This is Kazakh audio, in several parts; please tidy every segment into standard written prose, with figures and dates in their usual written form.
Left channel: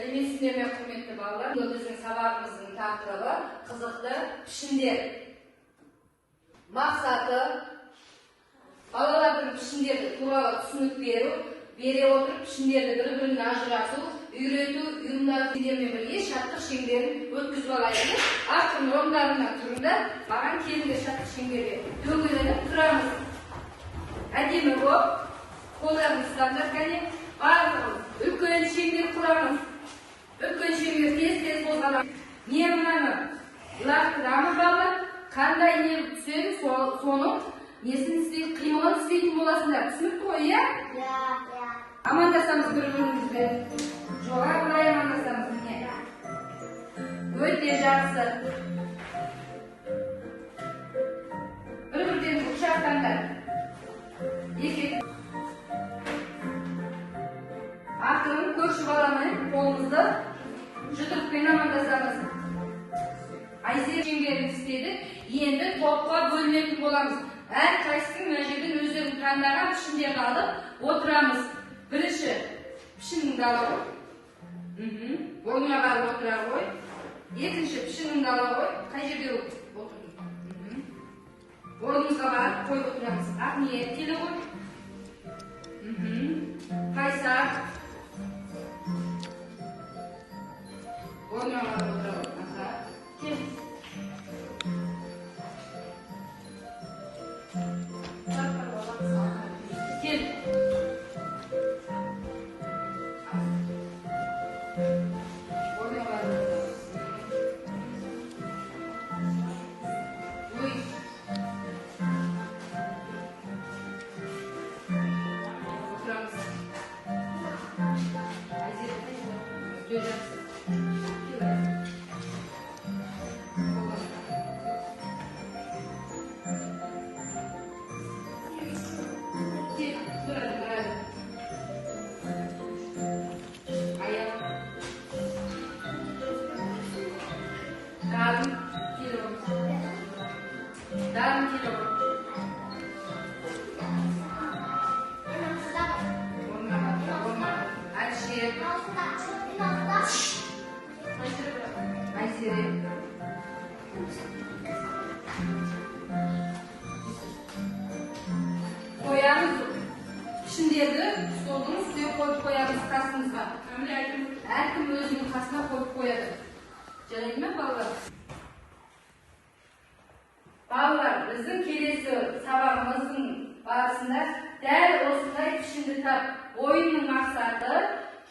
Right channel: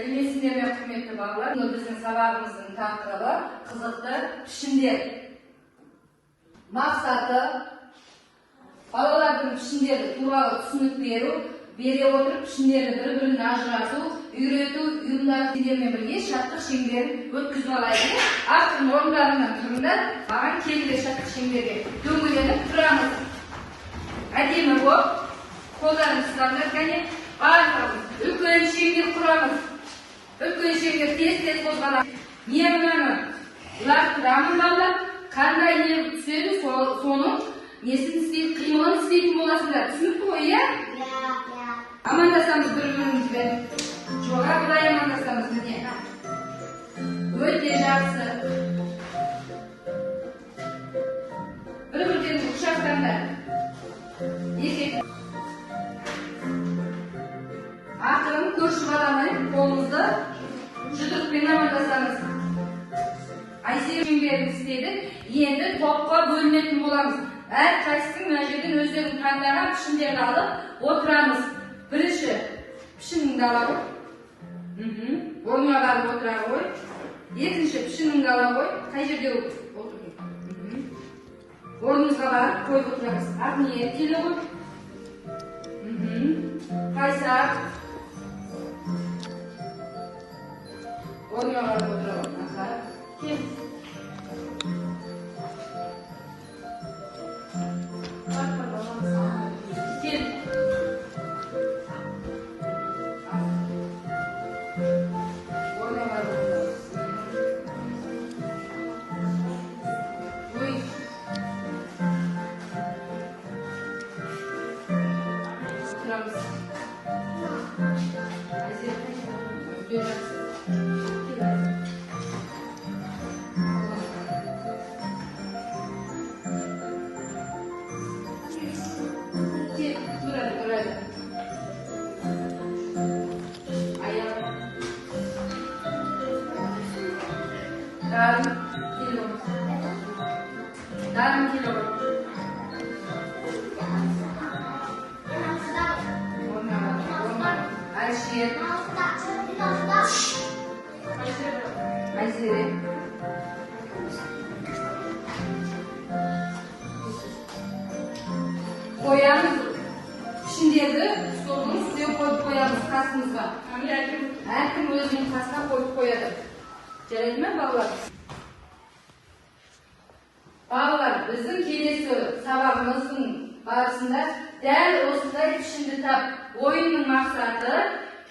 Сәлеметсіздер ме, құрметті балалар? Біздің сабағымыздың тақырыбы қызықты пішіндер. Мақсаты балалардың пішіндері туралы түсінік бере отырып пішіндерді бір-біріне ажырату, үйрету, ұйымдастырумен бірге шаттық шеңберін өткізіп алайық. Автордың орындарынан тұрыңда маған келіңдер шаттық шеңберге дөңгеленіп тұрамыз. Әдемі болып, қолдарыңызды ұстаңдар, кәне барлығымыз үлкен шеңбер құрамыз. Үлкен шеңбер тез-тез қозғаламыз. Не мынаны лақтырамыз балалар, қандай не түседі, соның несін істейді, қимылын істейтін боласыңдар. Түсінікті ғой, иә? Амандасамыз бір-бірімізбен. Жоға былай амандасамыз, міне. Өте жақсы. Бір-бірден құшақтаңдар. Ақырын көрші баламай қолымызды жұдырықпен амандасамыз. Айсер шеңберін істедік. Енді топқа бөлінетін боламыз. Әр қайсының мына жерден өздерінің таңдаған пішіндерді алып отырамыз. Бірінші пішініңді ала ғой. Орныңа барып отыра ғой. Екінші пішініңді ала ғой. Қай жерде отырдың? Орныңызға барып қойып отырамыз. Ақ ниет келе ғой. Қайсар. Орныңа барып отыра ғой. Кел. Кел. Орныңа барып отыра. Ой. Отырамыз. Darın kilo. Ayşe. Ayşe. Koyarız. Pişindirdi. Soldunuz. Suya koyup koyarız kasımızga. Erkim özünün kasına koyup koyarız. Жарайды ма, балалар? Балалар, біздің келесі сабағымыздың барысында дәл осындай пішінді тап. Ойынның мақсаты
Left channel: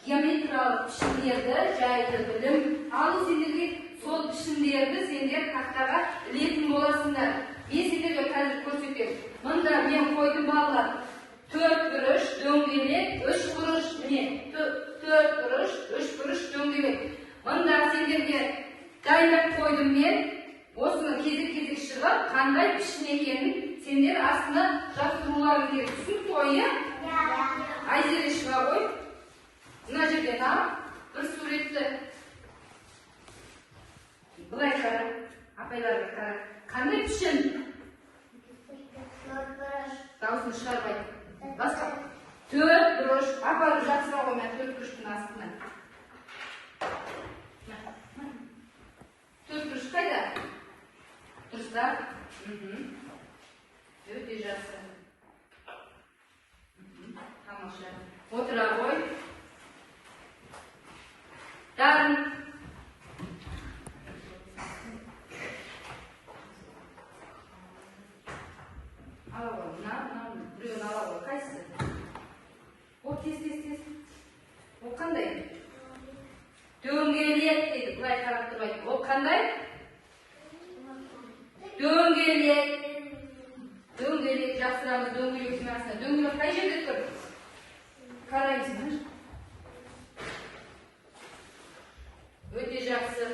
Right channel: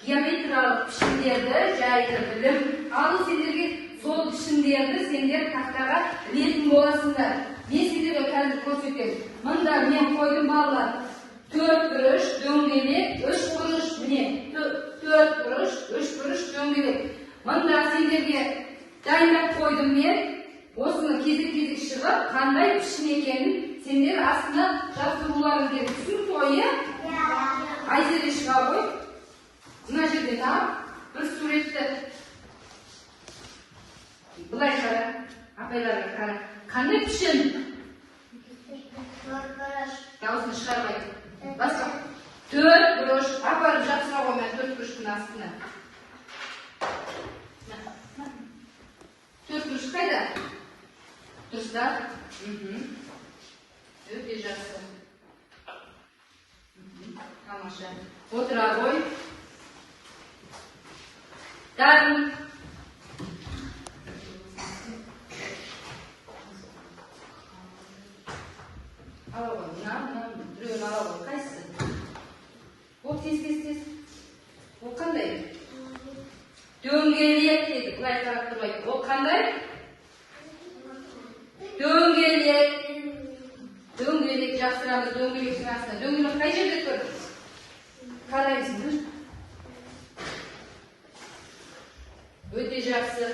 геометриялық пішіндерді жайлы білім. Ал сендерге сол пішіндерді сендер тақтаға ілетін боласыңдар. Мен сендерге қазір көрсетемін. Мында мен қойдым балалар. 4 бұрыш, дөңгелек, 3 бұрыш, міне 4 бұрыш, 3 бұрыш, дөңгелек. Мында сендерге дайындап қойдым мен, осыны кезек-кезек шығып, қандай пішін екенін сендер астына жаздыруларың керек. Түсінікті ғой, иә? Айзере шыға ғой. Мына жерден ал, бір суретті. Былай қара, апайларға қара. Қандай пішін? Дауысын шығарбай. Басқа. 4 бұрыш. Апарып жатсыра ғой мен 4 бұрыштың астына. 4 бұрыш қайда? Дұрыста? Өте жақсы. Тамаша. Отыра ғой. Дарын. Ала ғой. Мына біреуін ала ғой. Қайсысы? О, тез. О, қандай? Дөңгелек дейді, бұлай қарап тұрмайды. Ол қандай? Дөңгелек. Дөңгелек жақсырамыз, дөңгелектің астына. Дөңгелек қай жерде тұр? Қараймыз. Өте жақсы.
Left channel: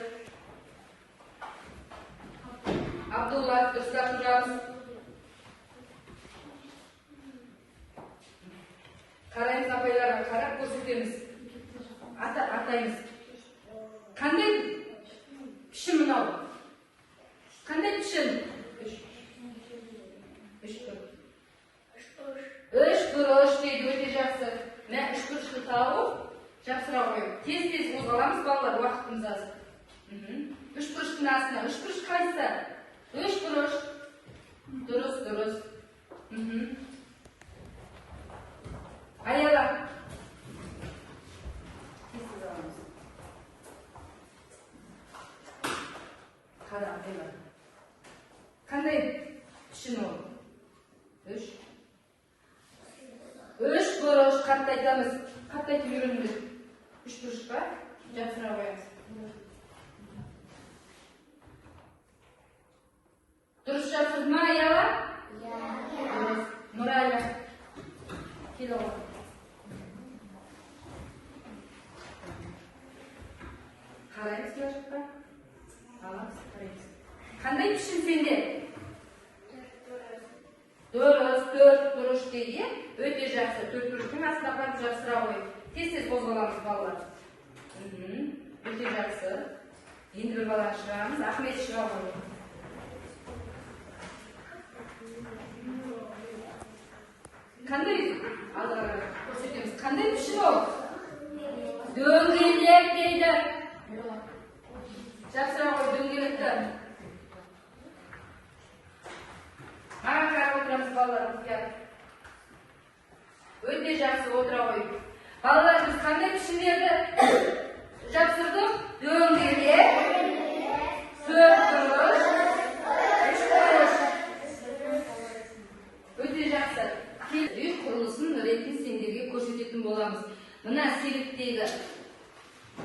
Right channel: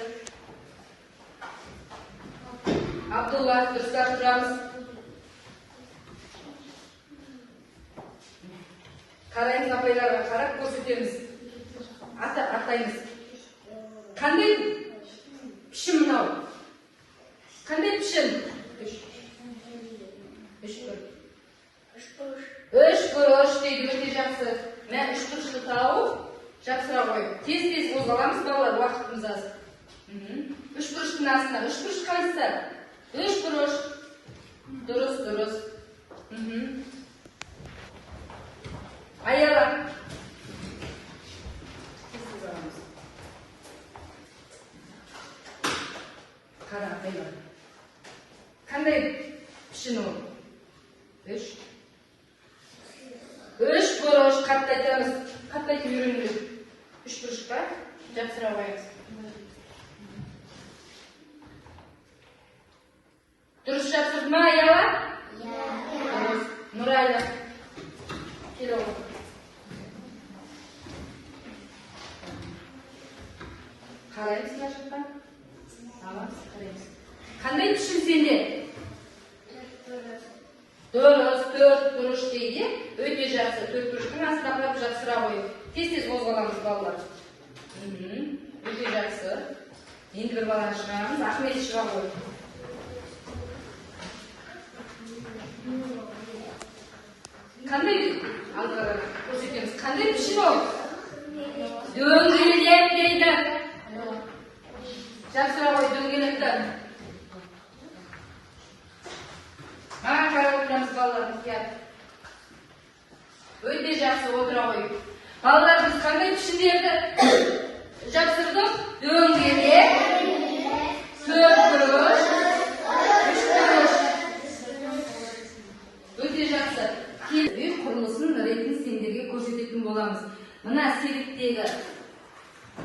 Абдулла, дұрыстап тұрамыз. Қараймыз, апайларға қарап көрсетеміз. Атаймыз. Қандай пішін мынау? Қандай пішін? 3 бұрыш дейді, өте жақсы. Мен 3 бұрышты тауып, жақсыра қойып. Тез-тез қозғал. olamız balalar vaqtimiz az. Üç kuruşun aslında. Üç kuruş kaysa. Üç kuruş. Duruz. Ayala. Karam ayala. Qanday pishini u? Üç kuruş qatta aytamiz. Qatta aytib yuramiz. Üç kuruş ba? Yaxshiroq qo'yamiz. Durust yapsizmi ayollar? Durust. Nurayla. Kel oğlum. Qaraysizlar shuqa? Qaraymiz. Qanday pishim sende? Dört kuruş deydi. Öte жақсы. 4 kuruşun aslında qarab жақсырақ qo'yib. Tez qo'zg'alamiz bolalar. Öte жақсы. Endi bir balani chiqaramiz. Ahmet ishga qo'yib. Qanday aldaga ko'rsatamiz. Qanday pishib ol? Do'ngelak deydi. Жақсырақ qo'y do'ngelakdan. Mana qarab o'tiramiz bolalar bizga. Öte жақсы o'tira qo'yib. Bolalar biz qanday pishirdi? Жақсырдық. Do'ngelak. 4 kuruş. 3 kuruş. Öte жақсы. Үй құрылысын ретін сендерге көрсететін боламыз. Мына себептегі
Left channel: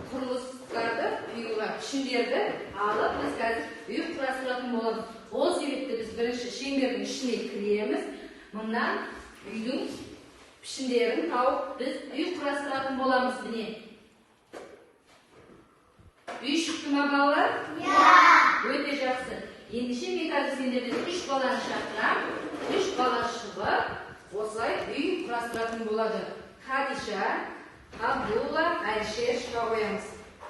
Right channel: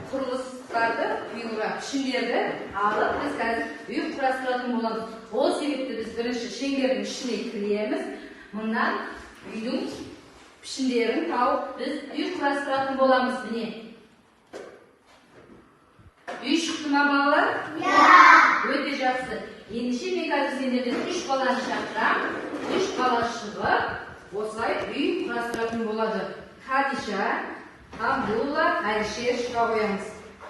құрылыстарды, үйға пішіндерді алып, біз қазір үй құрастыратын боламыз. Ол себепті біз бірінші шеңбердің ішіне кіреміз. Мұнан үйдің пішіндерін тауып, біз үй құрастыратын боламыз. Міне. Үй шықты ма балалар? Өте жақсы. Ендеше мен қазір сендерді 3 баланы шақырам. 3 бала шығып, осылай үй құрастыратын болады. Хадиша, Абдулла, Әлішер шыға қоямыз.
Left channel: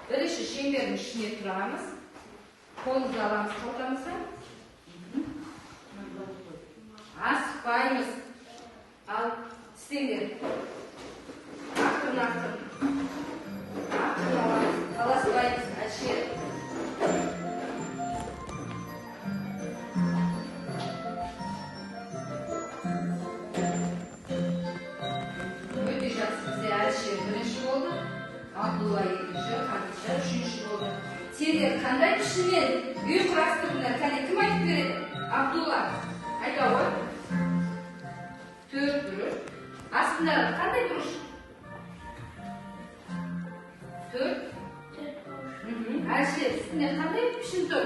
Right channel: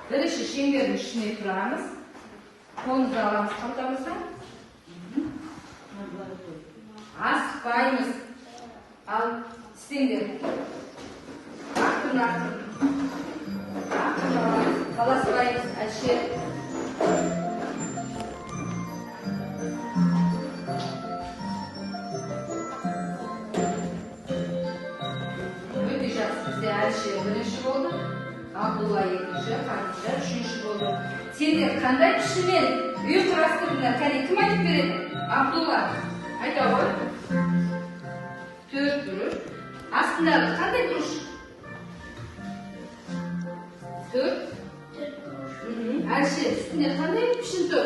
Бірінші шеңбердің ішіне тұрамыз. Қолымызды аламыз қалтамыздан. Асықпаймыз. Ал істеңдер. Артын аламыз. Қаласпаймыз. Әлішер. Бірінші болды, Абдулла екінші, Хадиша үшінші болды. Сендер қандай пішінмен үй құрастырдыңдар? Кәне кім айтып береді? Абдулла. Айта ғой. 4 kuruş. Астындағы қандай kuruş? 4. Әлішер үстінде қандай пішін тұр?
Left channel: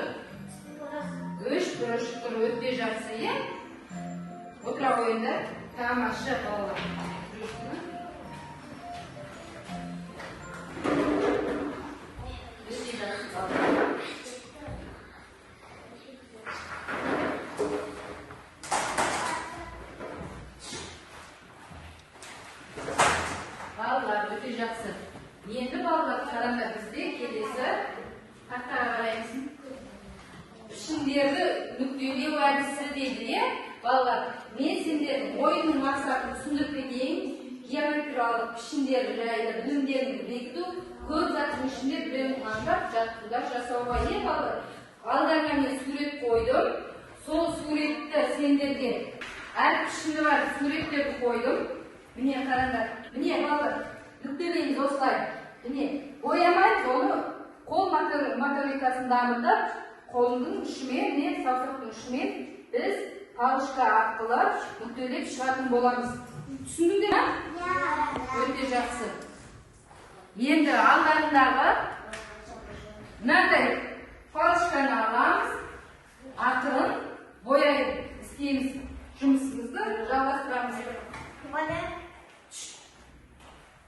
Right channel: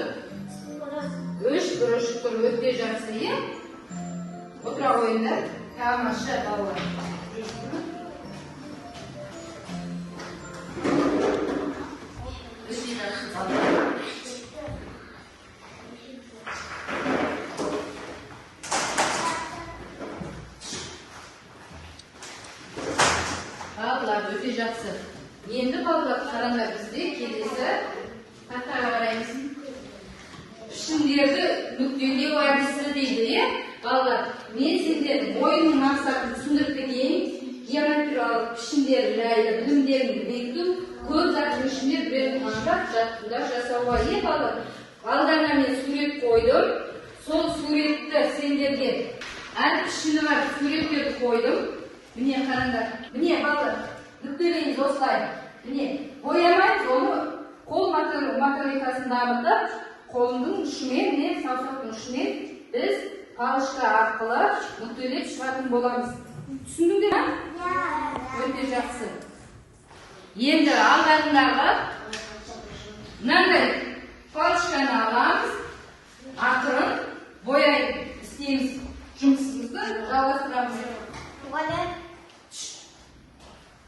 3 kuruş тұр. Өте жақсы, е? Отыра қойыңдар. Тамаша балалар. Өте жақсы. Енді балалар қараңдар бізде келесі хаттарға қараймыз. Пішіндерді нүктелеу әдісі дейді. Балалар, мен сендердің ойынның мақсатын түсіндіріп кетейін. Геометриялық пішіндер жайлы білімдерін бекіту көп заттың ішінде бір таңдап жаттығудар жасауға. Балалар, алдарына мен сурет қойдым. Сол суретті сендерге әр пішіні бар суреттерді қойдым. Міне қараңдар. Міне балалар. Нүктелейміз осылай. Міне, боямайды, оны қол математикасын дамытып, қолымның ұшымен, саусақтың ұшымен біз палышқа арқылы нүктелеп шығатын боламыз. Түсіндіңдер ме? Өте жақсы. Енді алдарындағы мынандай палышканы аламыз, ақырын бояй істейміз жұмысымызды жалғастырамыз.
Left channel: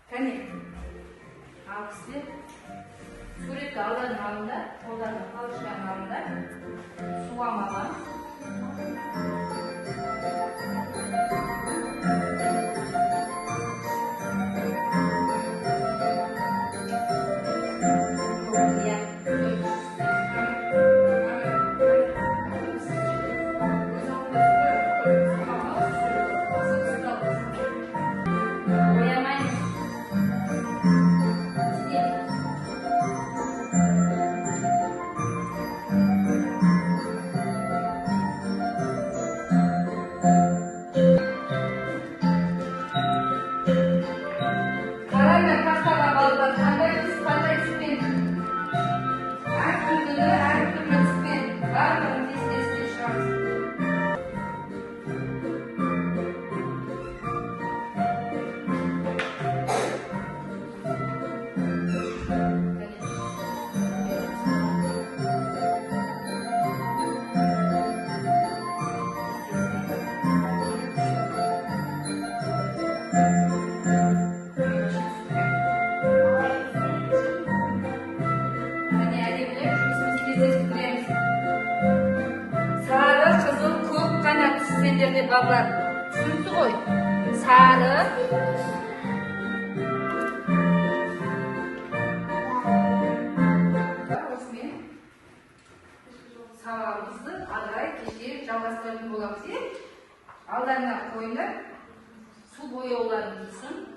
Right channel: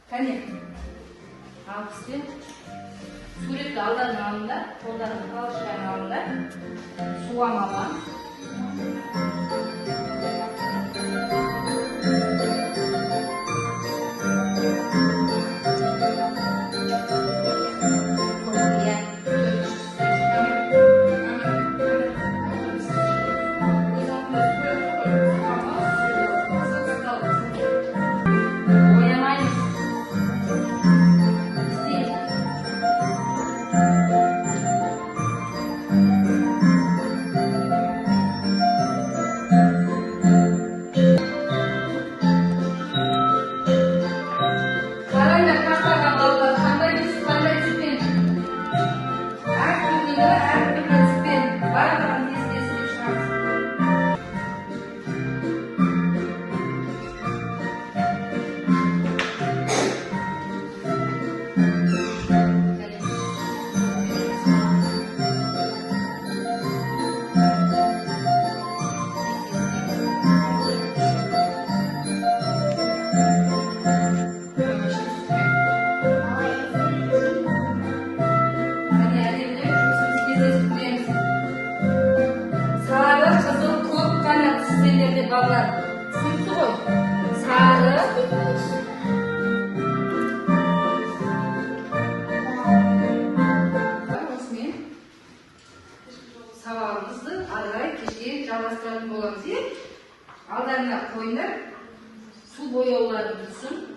Кәне, алып істе. Суретті алдарына алыңдар, қолдарына палышканы алыңдар, суам алам. bolamız. Allarına koyunlar. Su boyauları dursun.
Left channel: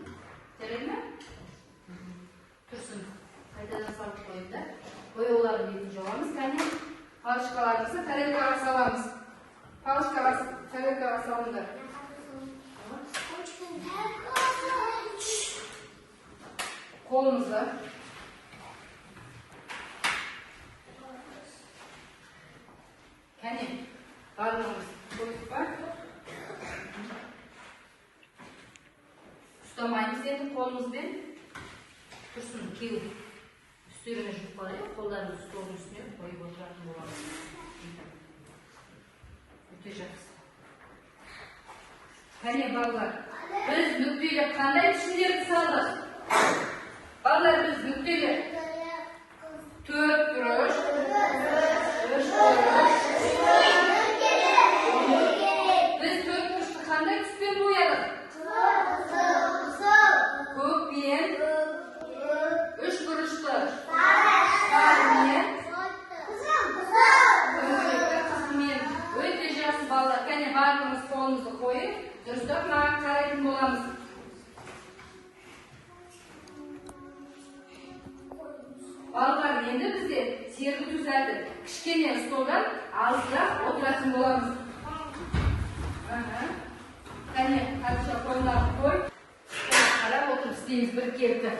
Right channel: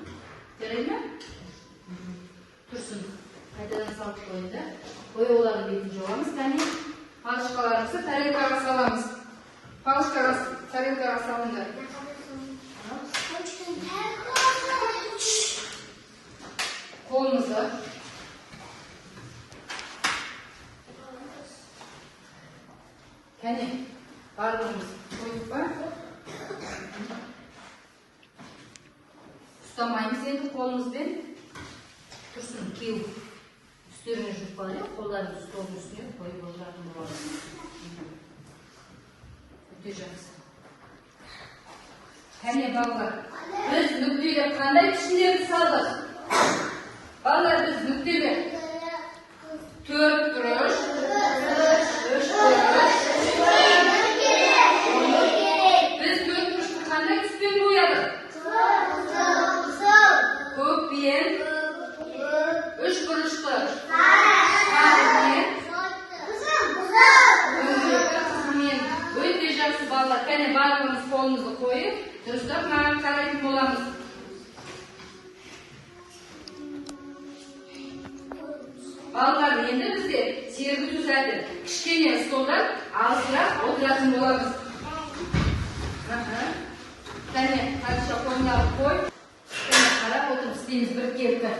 Gerek mi? Dursun. Kaydadan salıp koyunda. Boyauları birinci olamız. Yani palışkalarımızı tarelkağa salamız. Palışkalar tarelkağa salınca. Kolumuzda. Yani parmağımızı koyduk var. Tutamayımız yedik kolumuzdan. Kısım ki üstlerine jurpalayıp kollarımızı stolun üstüne koyup oturalım dolalım. Tutacağız. Hani ballar, biz nükleyle kanday pişinleri saldık. Ballar biz nükleyle 4 kuruş, 3 kuruş. Biz 4 kuruşlu kanday üstüne boyadık. Köp biyen 3 kuruşlu. Öğreteceğiz ballar. Yani ballarımızı kolumuzu koyup dürüstük mağın karaytım olamız. Ballar endi bize sergi düzeldi. Kişkene stoldan ağzına oturasın olamız. Yani karışa koyunları koy. Karab oturup isteyimiz bir kerti.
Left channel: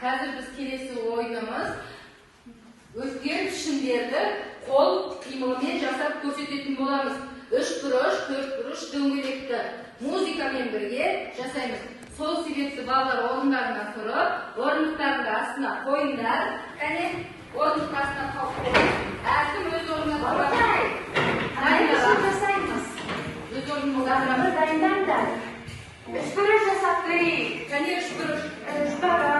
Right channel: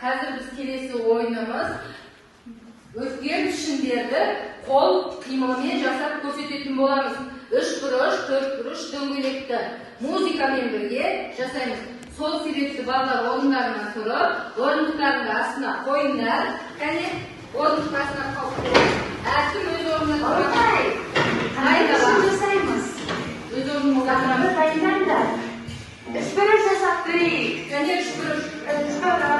Hazır biz kelesi oyunumuz özgür düşünderde kol kıymamaya jasap көрсөтетін bolamız. 3 kuruş, 4 kuruş дөңгелекті muzikaмен birge жасаймыз. Сол себепті балалар орындарынан тұрып, орындықтарының астына қойыңдар. Кәне, орындық астына қалып қойыңдар. Әркім өз орнына тұрып. Қайда жасаймыз? Өз орнына дайындаңдар. 3 kuruş жасап көрейік. Кәне 3 kuruş. 3 kuruş.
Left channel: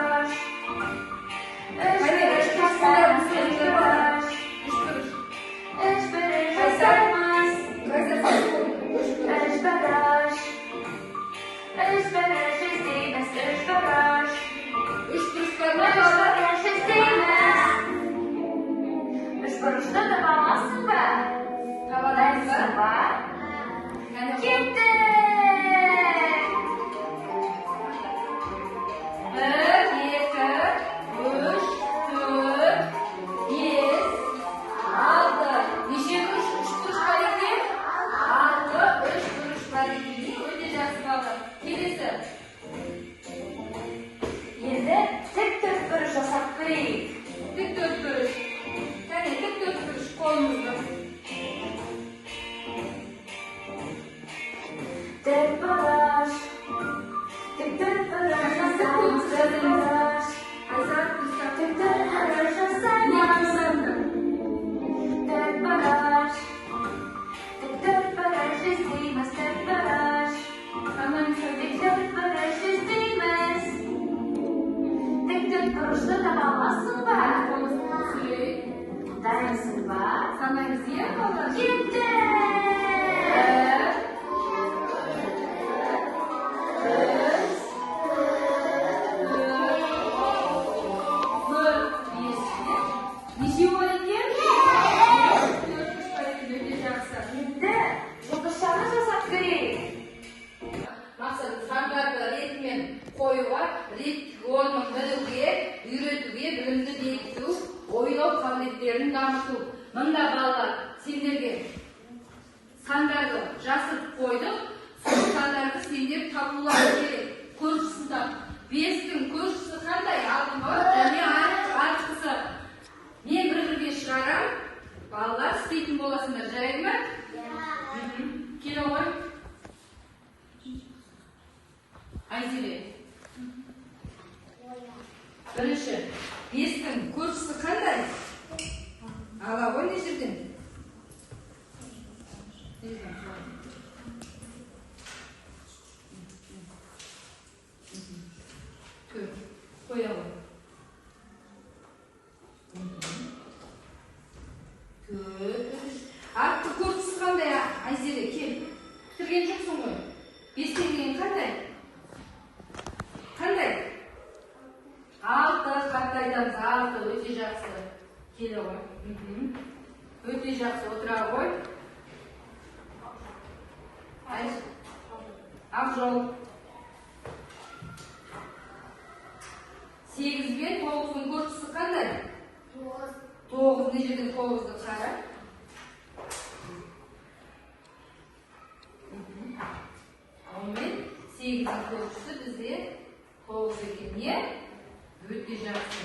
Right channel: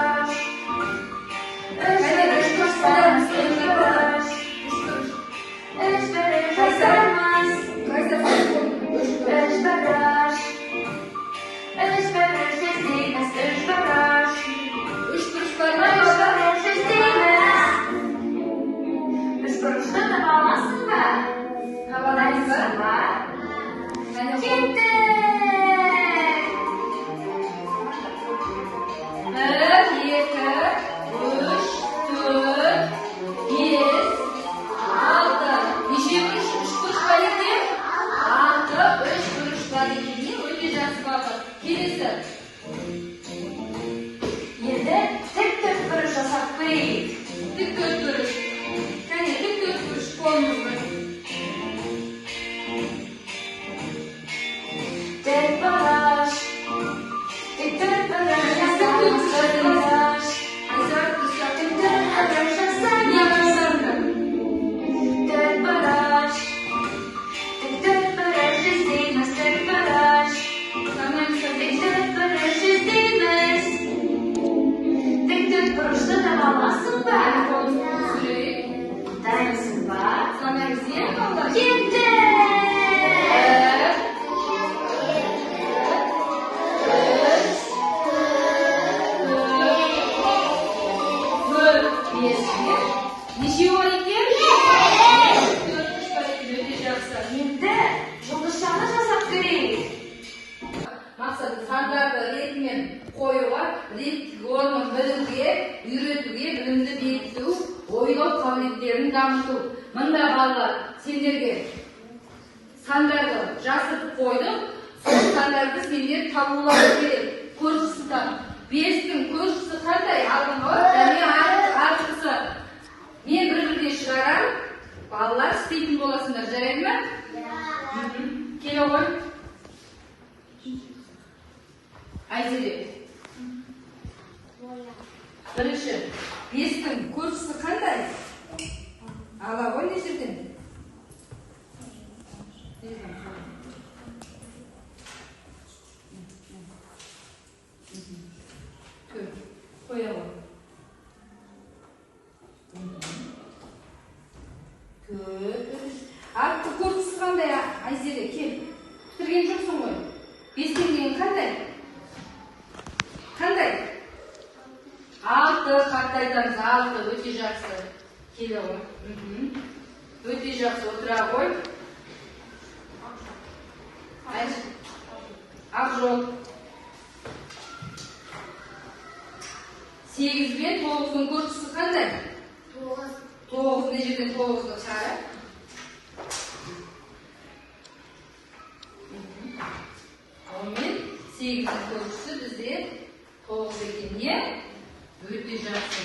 maqsadi sanlarni ritmen qo'yuğa, ritmik olma bilgiye, үйrөтүүгө, bilimni bekitүү, ойлоо кабилеттерин дамытуу. Мында балдар сендерге sanlarni жазып қойдық. Сол sandарды сендер табуларың керек. Көршісі 5-тің көршісі қандай алдыңғы және артқысы. Мен бір-бірге шығарам. Балалар істейтін боласыңдар, жарайды ма? Келе ғой. Айзере. Бірінші, 5-тің көршісі қандай? Ала ғой не жерден? Қоя ғой. Артты көршісі қандай? Айзере, кел. Бітірген жоқсың ғой. 5-тен деген қандай? Қандай? 6 қатты айтамыз. 6 өте жақсы. Келе ғой. Өте жақсы отыра ғой. Ақжол. 8 бен 9-ның көршісі қандай? 9 не жерден 9-ды шығар? Онымен 8-дің көршісі бізде 9 екен, не? Өте жақсы.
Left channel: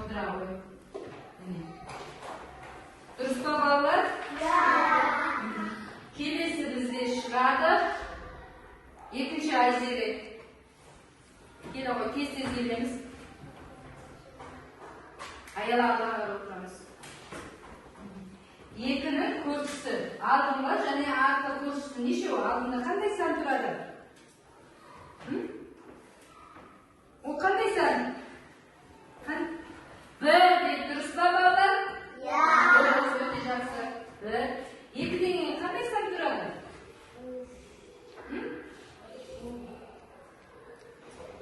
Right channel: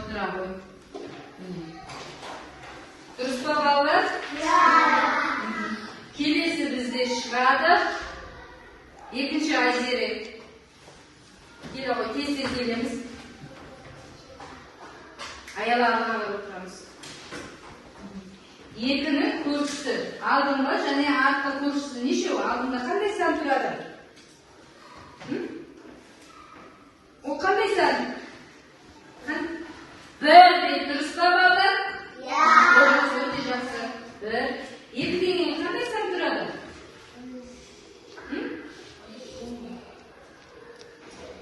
Отыра ғой. Дұрыс па балалар? Келесі бізде шығады. Екінші Айзере. Келе ғой, тез-тез келеміз. Аяларына отырамыз. 2-нің көршісі. Алдыңғы және артқы көршісі нешеу? Алдында қандай сан тұрады? О, қандай сан? 1 деп дұрыс па балалар? Өте жақсы. 1. 2-ден кейін қандай сан тұрады?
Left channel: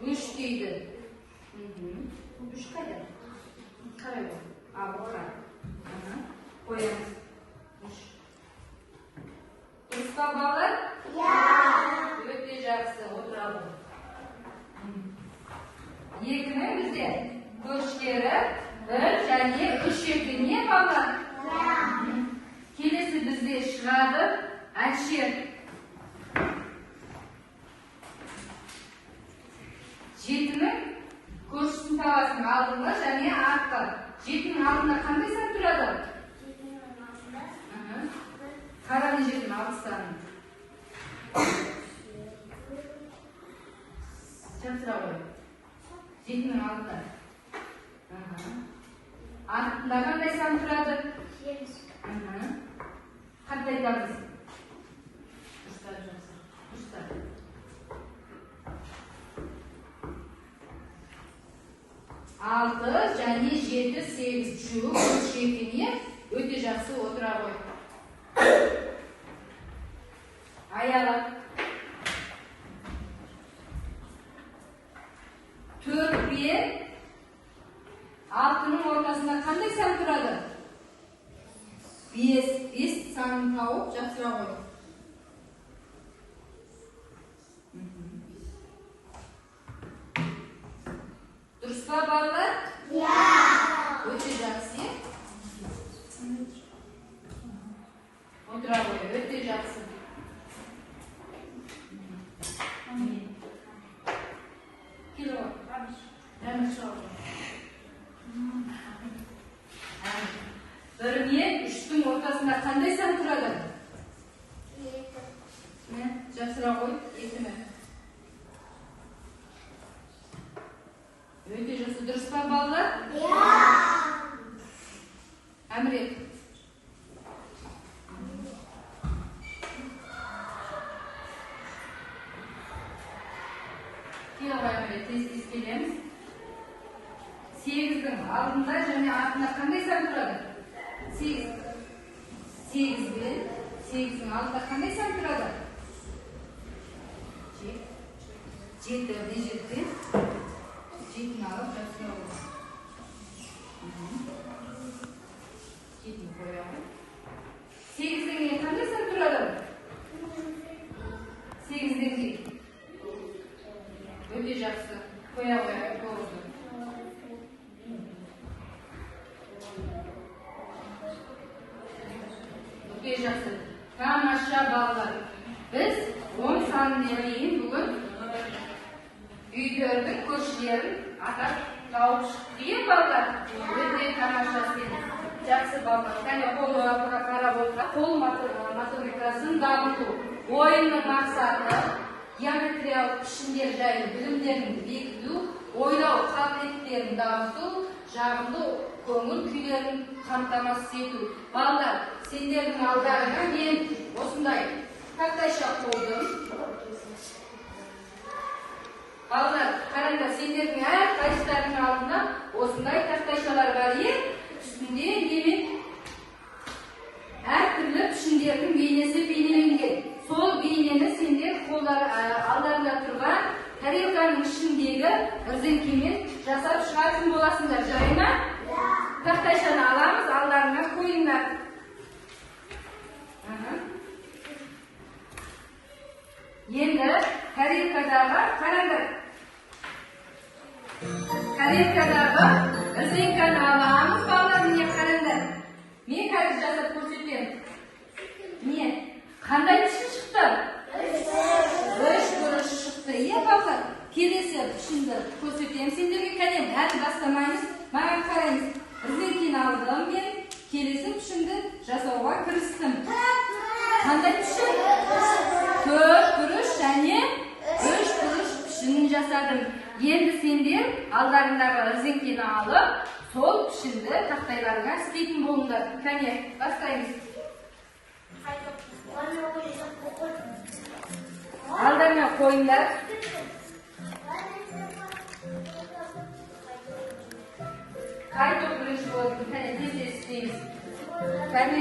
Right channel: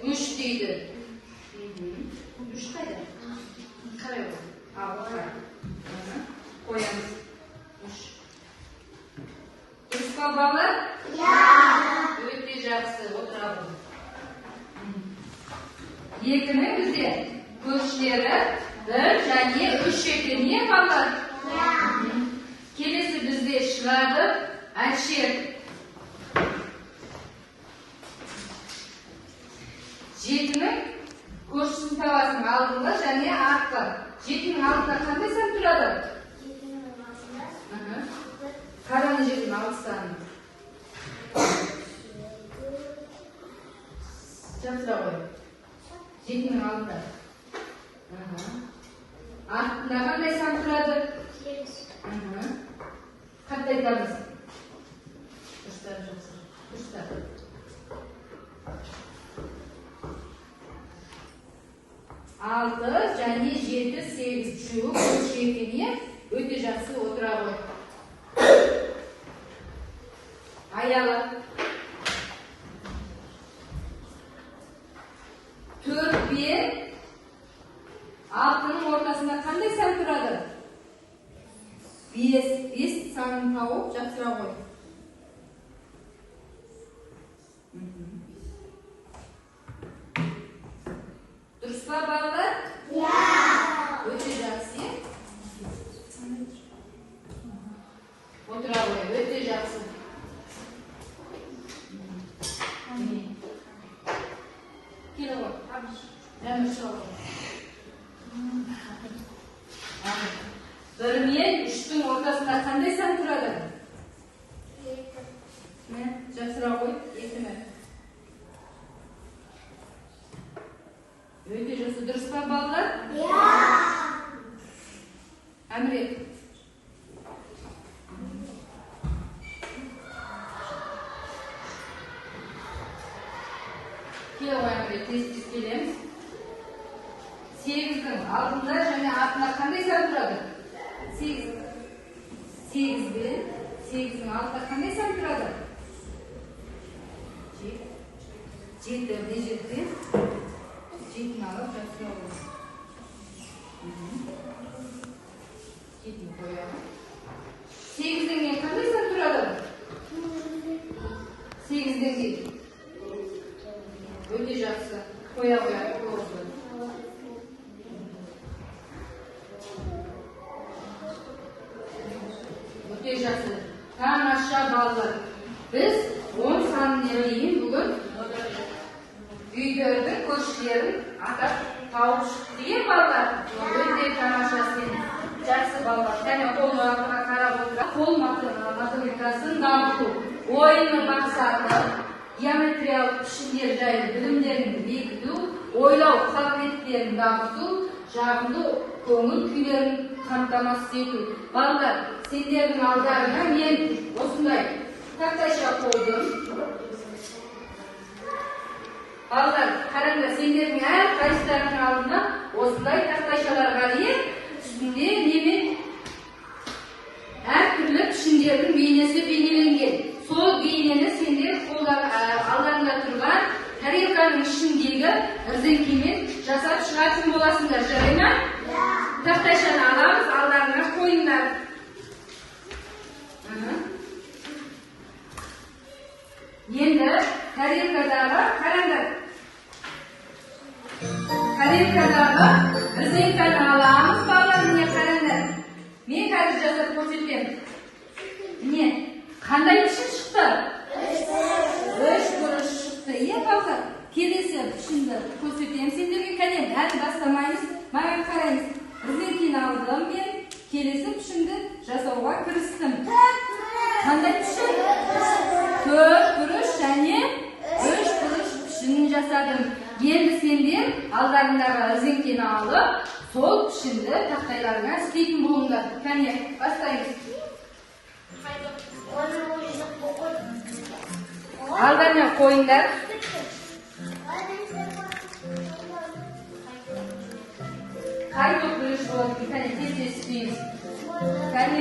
3 дейді. 3 қайда? Қарай ғой. Бұл қай. Қоямыз. 3. Дұрыс па балалар? Өте жақсы. Отыра ғой. 2-нің бізде көршілері 1 және 3 екен. Не балалар? Келесі бізде шығады Әлшер. 7-нің көршісін табасың алдыңғы және артқы. 7-нің алдында қандай сан тұрады? Қара не жерден 6 саны. Жақсыра қой. 7-нің алдында. Артында қандай сан тұрады? Қатты айтамыз. Дұрыстар жақсы. Дұрыстар. 6 және 7, 8 үшеуі көрші екеніне өте жақсы отыра ғой. Аяла. 4 пен 6-ның ортасында қандай сан тұрады? 5 санын тауып жақсыра ғой. Дұрыс па балалар? Өте жақсы. Отыра ғой, өте жақсы. Кел ғой. Жаңа шыға ғой. 1 мен 3-тің ортасында қандай сан тұрады? 2. Жақсыра ғой, 2 мен. Өте жақсы. Дұрыс па балалар? Әміре. Кел ғой Әміре, тез-тез келеміз. 8-дің алдында және артында қандай сан тұрады? 8. 8 бен 8-дің алдында қандай сан тұрады? 7 не жерде? 7-ні алып жақсыра ғой. 7-ні қоямын. 8-ден кейін қандай сан тұрады? 8-ден кейін Өте жақсы. Қоя қойды. Өте жақсы. Тамаша балалар. Біз 10 санына дейін бүгін үйдердің көршілерін атап тауып шықты. Е балалар, өте тамаша сен. Жақсы балалар. Және қол қарап отыра, қол математикасын дамыту. Ойынның мақсаты геометриялық пішіндер жайлы білімдерін бекіту, ойлау қабілеттерін дамыту, жағымды көңіл күйлерін қамтамасыз ету. Балалар, сендердің алдарына мен осындай тақтайша қойдым. Балалар, қараңдар, сендердің әр қайсыларының алдында осындай тақтайшалар бар. Үстінде немен әр түрлі пішіндердің бейнесі бейнеленген. Сол бейнені сендер алдарында тұрған тарелканың ішіндегі ірзеңкемен жасап шығатын боласыңдар. Жарай ма? Тақтайшаны аламыз, алдарына қойыңдар. Енді тарелкадағы қараңдар. Тарелкадағы ірзеңканы аламыз, балалар, міне қараңдар. Мен қазір жасап көрсетемін. Міне, қандай пішін шықты? Үш бұрыш шықты. Балалар, келесі пішінді көрсетемін сендерге. Кәне, әлі бастамаймыз, маған қараймыз. Ірзеңкені алдым мен, келесі пішінді жасауға кірістім. Қандай пішін? Төрт бұрыш және үш бұрыш пішінін жасадым. Енді сендер алдарындағы ірзеңкені алып, сол пішінді тақтайларыңа істейтін болыңдар. Кәне, бастаймыз. Алдарына қойыңдар. Қай топ бұрыш болдың? Кәне, тез істейміз. Кәне.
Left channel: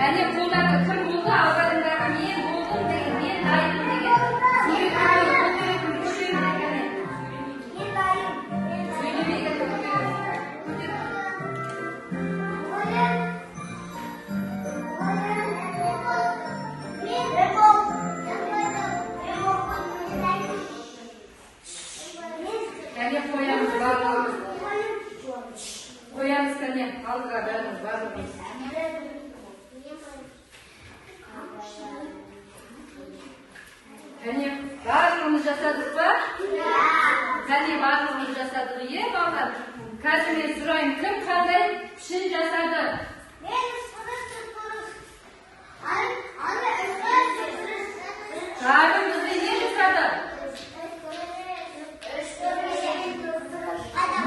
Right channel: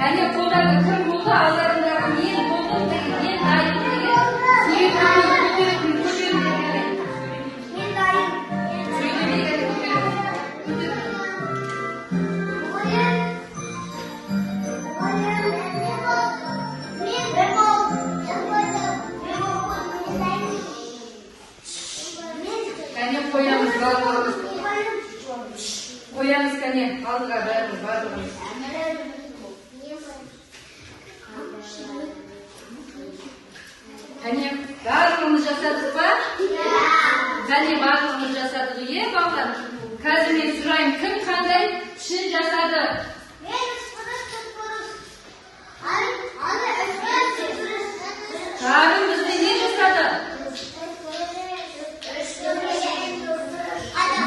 Әне қолдарда кім болды, алдарындағы мен болдым деген, мен дайын деген, сөйлемеген көтеретін деген. Мен дайын. Сөйлемеген көтеретін. Әне қоямыз, балаларымыз. Қоямыз, кәне, алдыға бәріміз, барлығымыз. Кәне, барлығымыз жасадық па? Кәне, барлығымыз жасадық, балалар? Қазір мен сұрайын, кім қандай пішін жасады? Тағы бізде не жасады?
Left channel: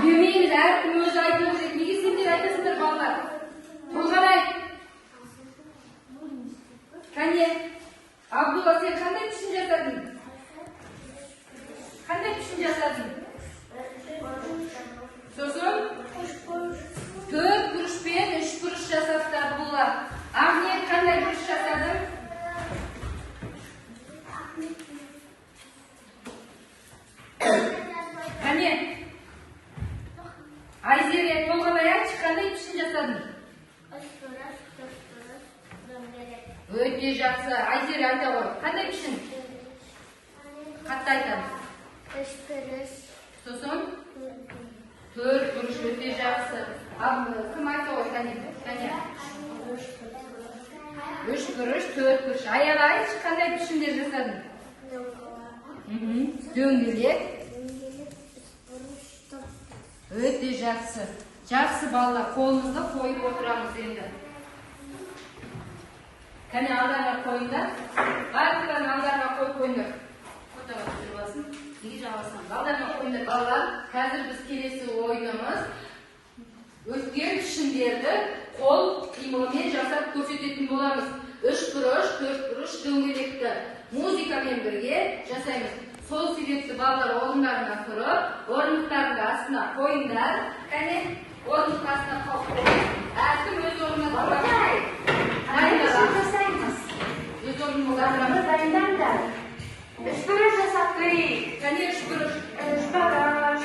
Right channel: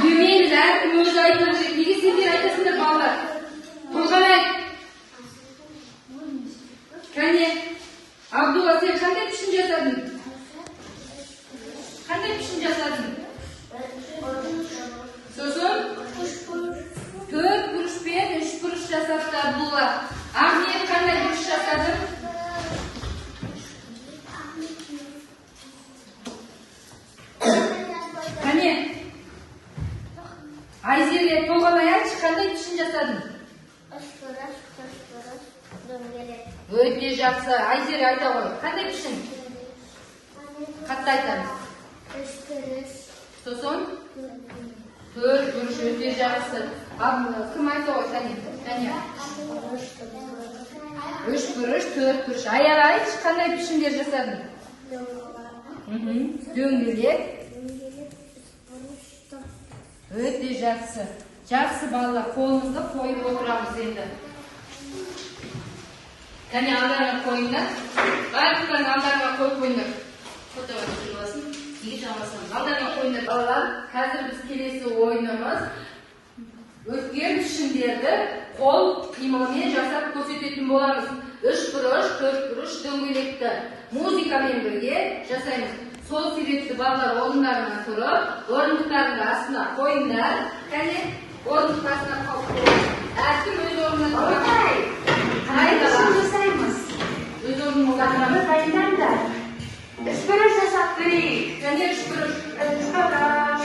Білмейміз, әркім өзі айту керек. Неге сендер айтасыңдар, балалар? Толған айт. Кәне, Абдулла, сен қандай пішін жасадың? Қандай пішін жасадың? Сосын? Төрт бұрыш пен үш бұрыш жасапты Абдулла. Ахмет қандай бұрыш жасадың? Кәне, Айзере, толғанай айтшы, қандай пішін жасадың? Өте жақсы. Айзере айта ғой. Қандай пішін? Қатты айтамыз. Үш бұрыш. Сосын? Төрт бұрыш. Өте жақсы. Кім айта ғой? Тәне. Үш бұрыш, төрт бұрыш. Аяр айтшы, қандай пішіндер жасадың? Дөңгелек. Өте жақсы. Жақсы балалар, қолымызды қойып отырамыз енді. Кәне, алдарына қойыңдар. Барлықтарын алдарына қойып қойыңдар. Фотоға жүрілсін. Неге жалғасамыз? Алдарына қойыңдар балалар. Қазір біз келесі ойынымыз Өткен пішіндерді қол қимылымен жасап көрсететін боламыз. 3 бұрыш, 4 бұрыш дөңгелекті музыкамен бірге жасаймыз. Сол себепті балалар орындарынан тұрып, орындықтарының астына қойыңдар. Кәне, орындық астына қалып қойыңдар. Әркім өз орнына тұрып. жасаймыз. Өз орнына Дайындаңдар. 3 бұрыш жасап көрейік. Кәне, 3 бұрыш. 3 бұрыш.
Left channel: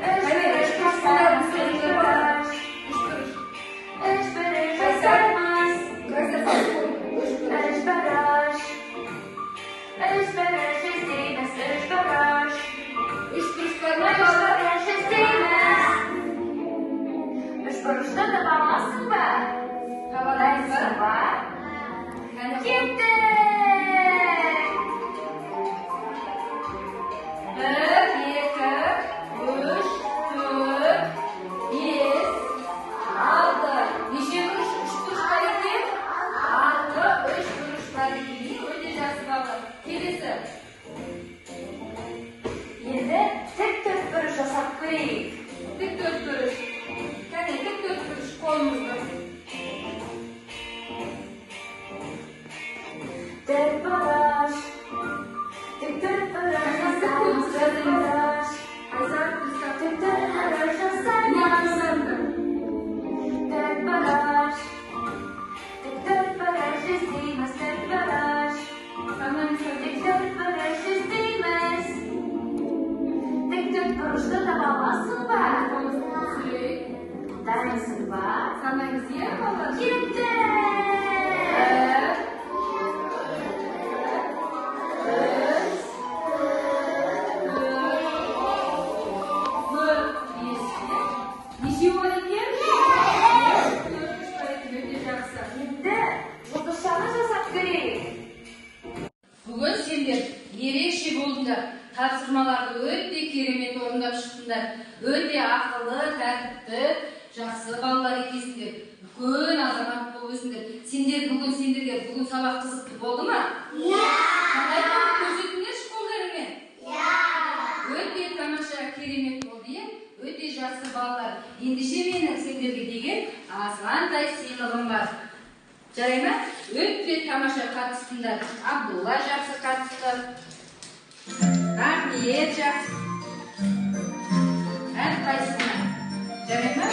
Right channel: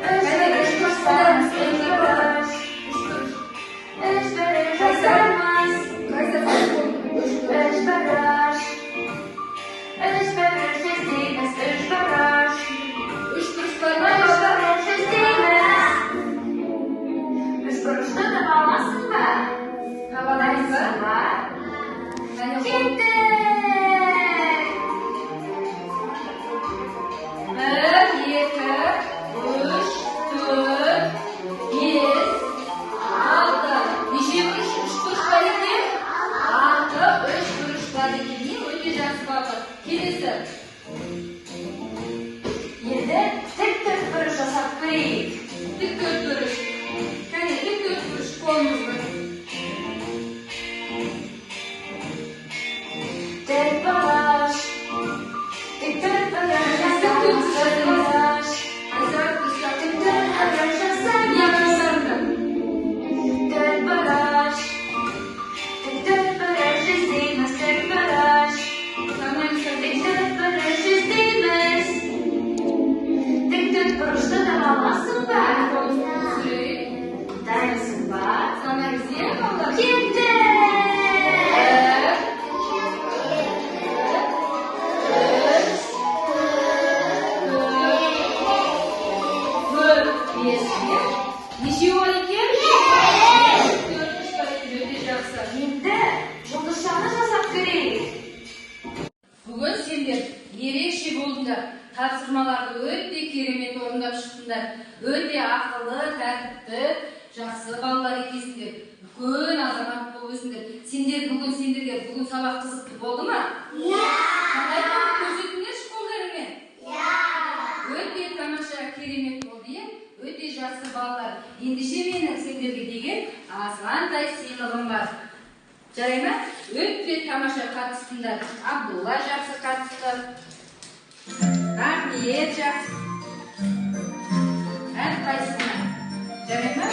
Кәне, 3 бұрыш жасаймыз. 3 бұрыш. 3 бұрыш жасаймыз. 3 бұрыш. 3 бұрыш істейміз. 3 бұрыш. 3 бұрыш бар. 3 бұрыш істейміз. 3 бұрышты таба аласың ба? Табадайсың ба? Кеттік! 1, 2, 3, 4, 5, 6. Неше бұрыш? 3 бұрыш бар екен? 6, 3 бұрыш бар екен. Өте жақсы балалар. Келесі. Енді тік 4 бұрыш жасап көрейік. Тік 4 бұрыш. Кәне, тік 4 бұрыш қолымызды. 4 бұрыш. Тік 4 бұрыш жасаймыз. 4 бұрыш. Айзар, тұсақ. Тік 4 бұрыш жасаймыз. Не қасарында? 4 бұрыш. Тік 4 бұрыш істейміз. 4 бұрыш. Санаймыз. Тік 4 бұрыш істейміз. Тік 4 бұрышты таба аласың ба? Сүрейік. Дайынсың ба? Санаймыз, е, балалар? Кеттік! 1, 2, 3, 4, 5. Неше бар екен? 4 бар екен. Өте жақсы. Енді жұлдызшаны жасап көрейік. Бүгін сендер ерекше болдыңдар. Тапсырмаларды өте керемет орындап шықтыңдар. Өте ақылы, тәртіпті, жақсы балалар екенсіңдер. Үлкен азамат болып өсіңдер. Бүгін сабақ қызықты болды ма? Қандай болып көрсетіңдерші қолдарыңмен? Өте тамаша, керемет болды, е? Өте жақсы балалар. Ендеше менің сендерге деген азғантай сыйлығым бар. Жарай ма? Өте тамаша қатыстыңдар. Абдулла жақсы қатысты. Рахмет жақсы. Әрқайсысына. Жарай ма?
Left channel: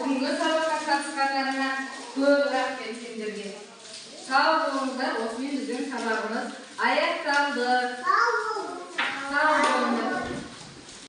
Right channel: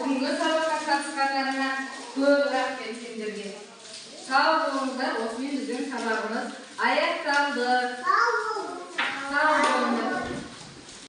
Бүгінгі сабаққа қатысқандарыңа көп рахмет сендерге. Сау болыңыздар, осымен біздің сабағымыз аяқталды.